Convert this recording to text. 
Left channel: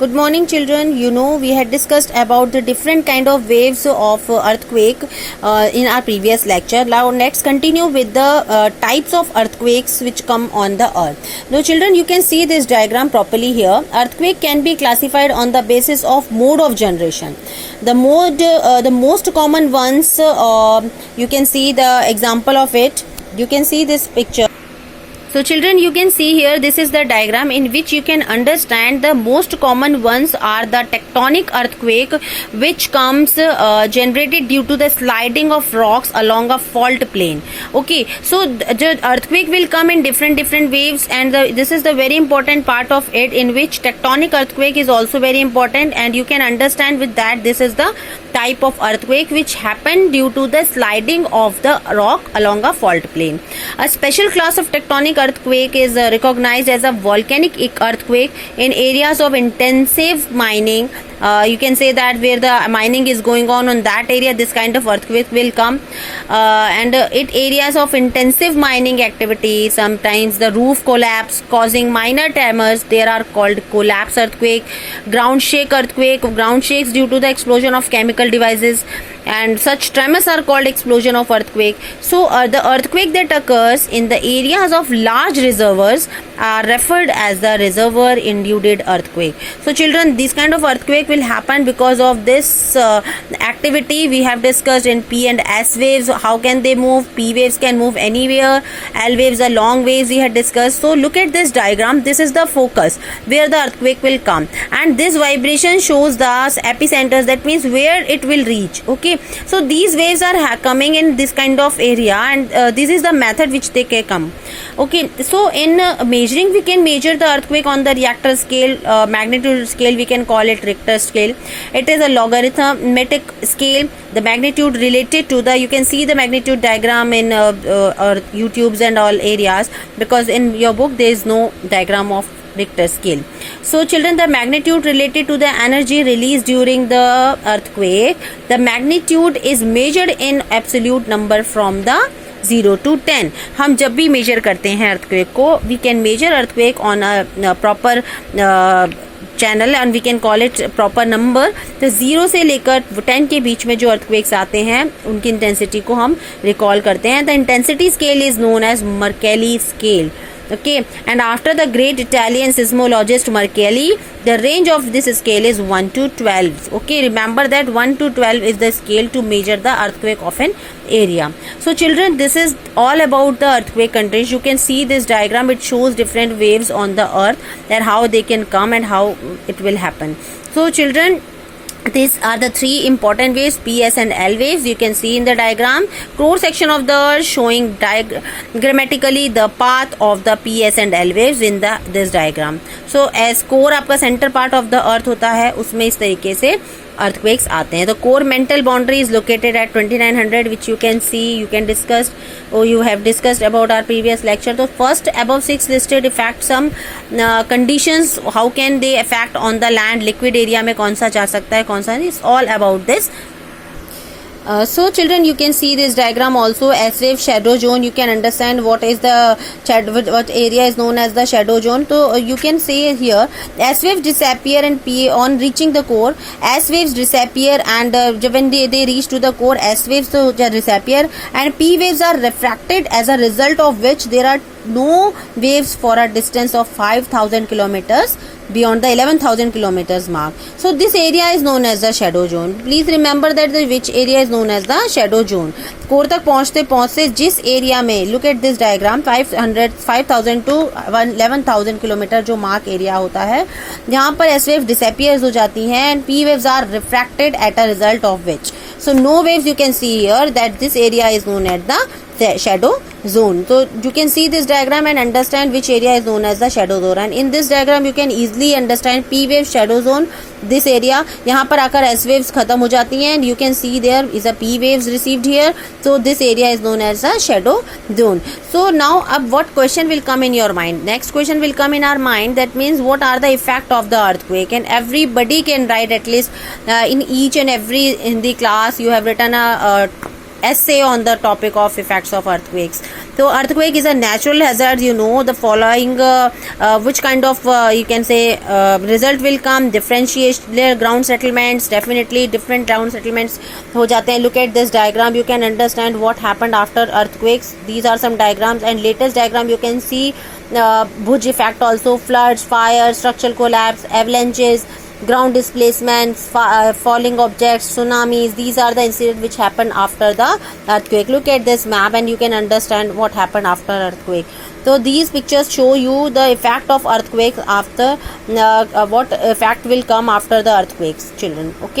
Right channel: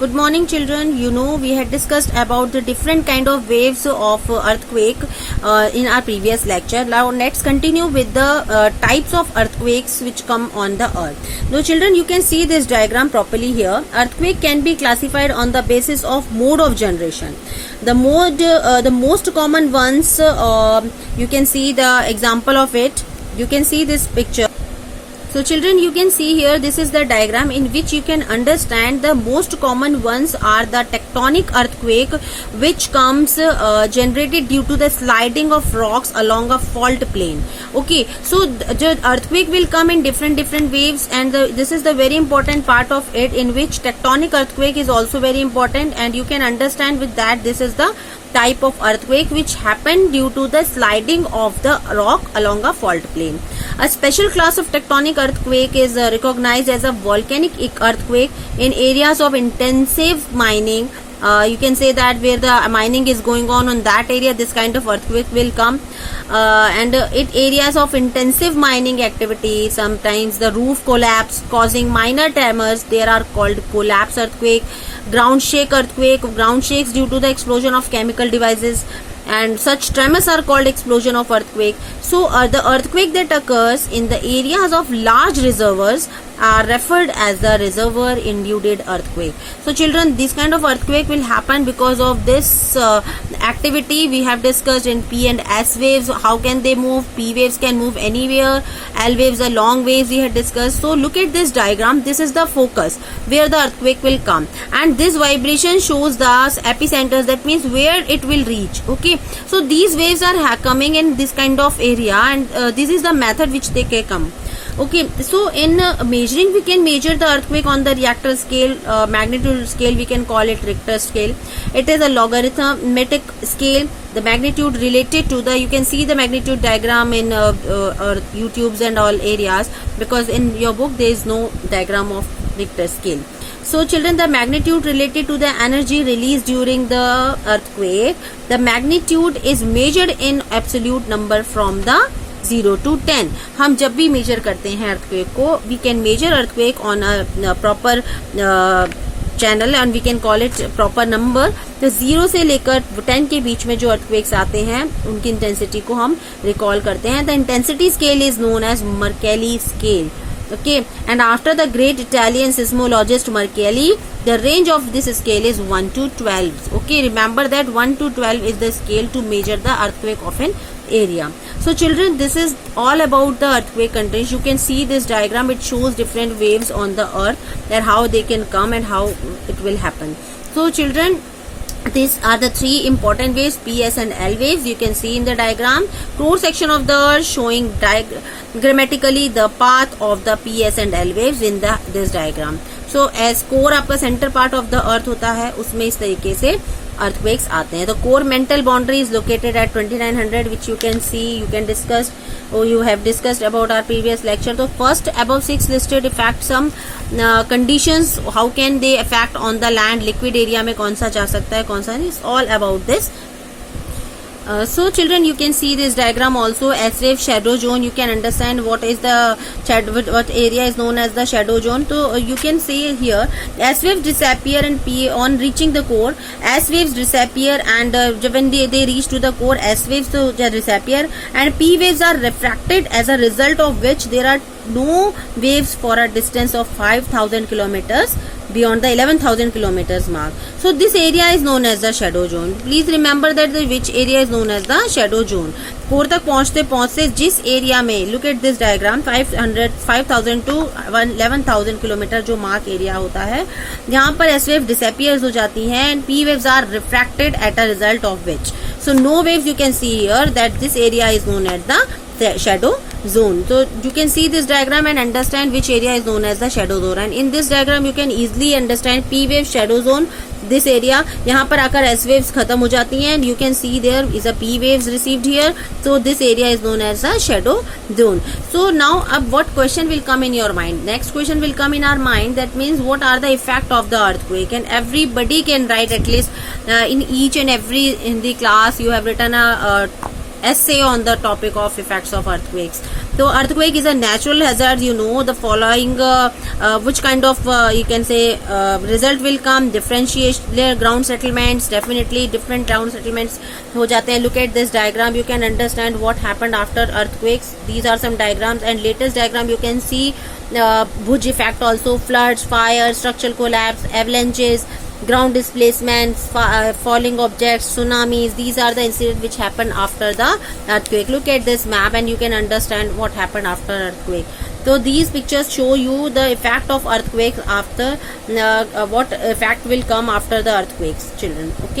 Good morning, children. You know, we had discussed about the different kind of waves of earthquake in our previous lecture. Now, let's continue with the types of earthquakes which come on the earth. Now, children, you can see this diagram properly here. Earthquake can be classified on the basis of mode of generation. The most common ones, you can see the example of it. You can see this picture. So children, you can see here, this is the diagram in which you can understand the most common ones are the tectonic earthquake, which comes generated due to the sliding of rocks along a fault plane. Okay, so the earthquake will come in different waves, and this is the very important part of it, in which tectonic earthquake is also very important, and you can understand with that this is the type of earthquake which happened due to the sliding of the rock along a fault plane. A special class of tectonic earthquake is recognized as a volcanic earthquake in areas of intensive mining. You can say that where the mining is going on that area, this kind of earthquake will come. And it areas of intensive mining activity, sometimes the roof collapse causing minor tremors, they are called collapse earthquake. Ground shake earthquake, ground shakes due to the explosion of chemical devices, and such tremors are called explosion of earthquake. So the earthquake that occurs in the areas of large reservoirs are referred as the reservoir induced earthquake. So children, this kind of earthquake will happen because of this activity we have discussed in P and S waves. How can they move? P waves can move anywhere. L waves are long waves we had discussed. So look at this diagram. This is the focus where the earthquake will come, and this vibration shows the epicenters, that means where it will reach. Okay, so these waves are coming in this kind of area, and this is the method which they can come. Okay, so in measuring, we can measure the earthquake on the Richter scale, magnitude scale, we can call it Richter scale. It is a logarithmic scale. The magnitude related to the, you can see the magnitude diagram in YouTube's and all areas, because in your book there is no diagram of Richter scale. So children, the magnitude related to the energy released during the earthquake, the magnitude is measured in absolute number from the 0 to 10. हम जब भी major करते हैं earthquake को, we can measure earthquake on a proper channel and we can call it proper number. तो 0 से लेकर 10 के बीच में जो earthquakes आते हैं, उनकी intensity को हम recall करते हैं. The intensity scale is known as Mercalli scale. Okay, and after the great Italian seismologist Mercalli, the range of this scale is 1 to 12. Okay, remember that 1 to 12 is the scale to measure the earthquake of an area. So children, this is all about the earthquake conditions. You can see this diagram, it shows different waves on the earth, that how they can come and how it will happen. So children, these are the three important waves, P, S and L waves. You can see in the diagram, core section of the earth showing grammatically the path of the P, S and L waves in this diagram. So as core आपका center part of the earth होता है, उसमें इस तरीके से earthquakes आते हैं. The core mental boundary is located at 2900, which you can see, you can discuss, or you have discussed about our previous lecture. So first above 6 listed affect some conditions, how can they affect on the land, liquid area में कौन सा जा सकता है, कौन सा नहीं, it's all about this. So children, you can see this diagram also, S wave shadow zone. You can understand what is the what area is known as the shadow zone. So you can see here, S waves disappear and P on reaching the core, S waves disappear, and when they reach to the core, S waves so disappear, and P waves are refracted, as a result of which there are no waves for a distance of 5,000 kilometers beyond the 11,000 kilometers mark. So this area is known as the shadow zone. Please remember that which area is known as the shadow zone. Core तक पहुंचते जिस area में, look at this diagram, 5,000 to 11,000 kilometre जो mark area होता है, यहाँ पर S waves disappears हो जाती हैं, and P waves are refracted at a result of which. So no waves you can see here, that this area is known as the shadow zone. So you can see this diagram and understand which area is known as the shadow zone, and in this diagram you can easily understand P wave shadow zone, this area, यहाँ पर आकर S waves खत्म हो जाती हैं, and you can see there is a P waves received here. So this area is known as the shadow zone. So now what question will come in your mind? Next question will come in our mind, that means what are the effect of the earthquake, and everybody can write at least in each and every in the class you have written a essay on the topic of effects of earthquakes. So earthquake is a natural hazard. You know the following which kind of you can say result will come. Differentiate ground settlements, definitely different ground settlements हो जाते हैं. Look at this diagram, you can understand what happened after earthquakes. These are some diagrams, and latest diagram you can see Bhuj effect also, floods, fires, structural collapse, avalanches, ground displacements, falling objects, tsunamis. These are the incidents which happen after the earthquake. Look at this map and you can understand what happened after earthquake. So these pictures show you the effect of earthquakes after what effect will come after the earthquakes, children. Okay.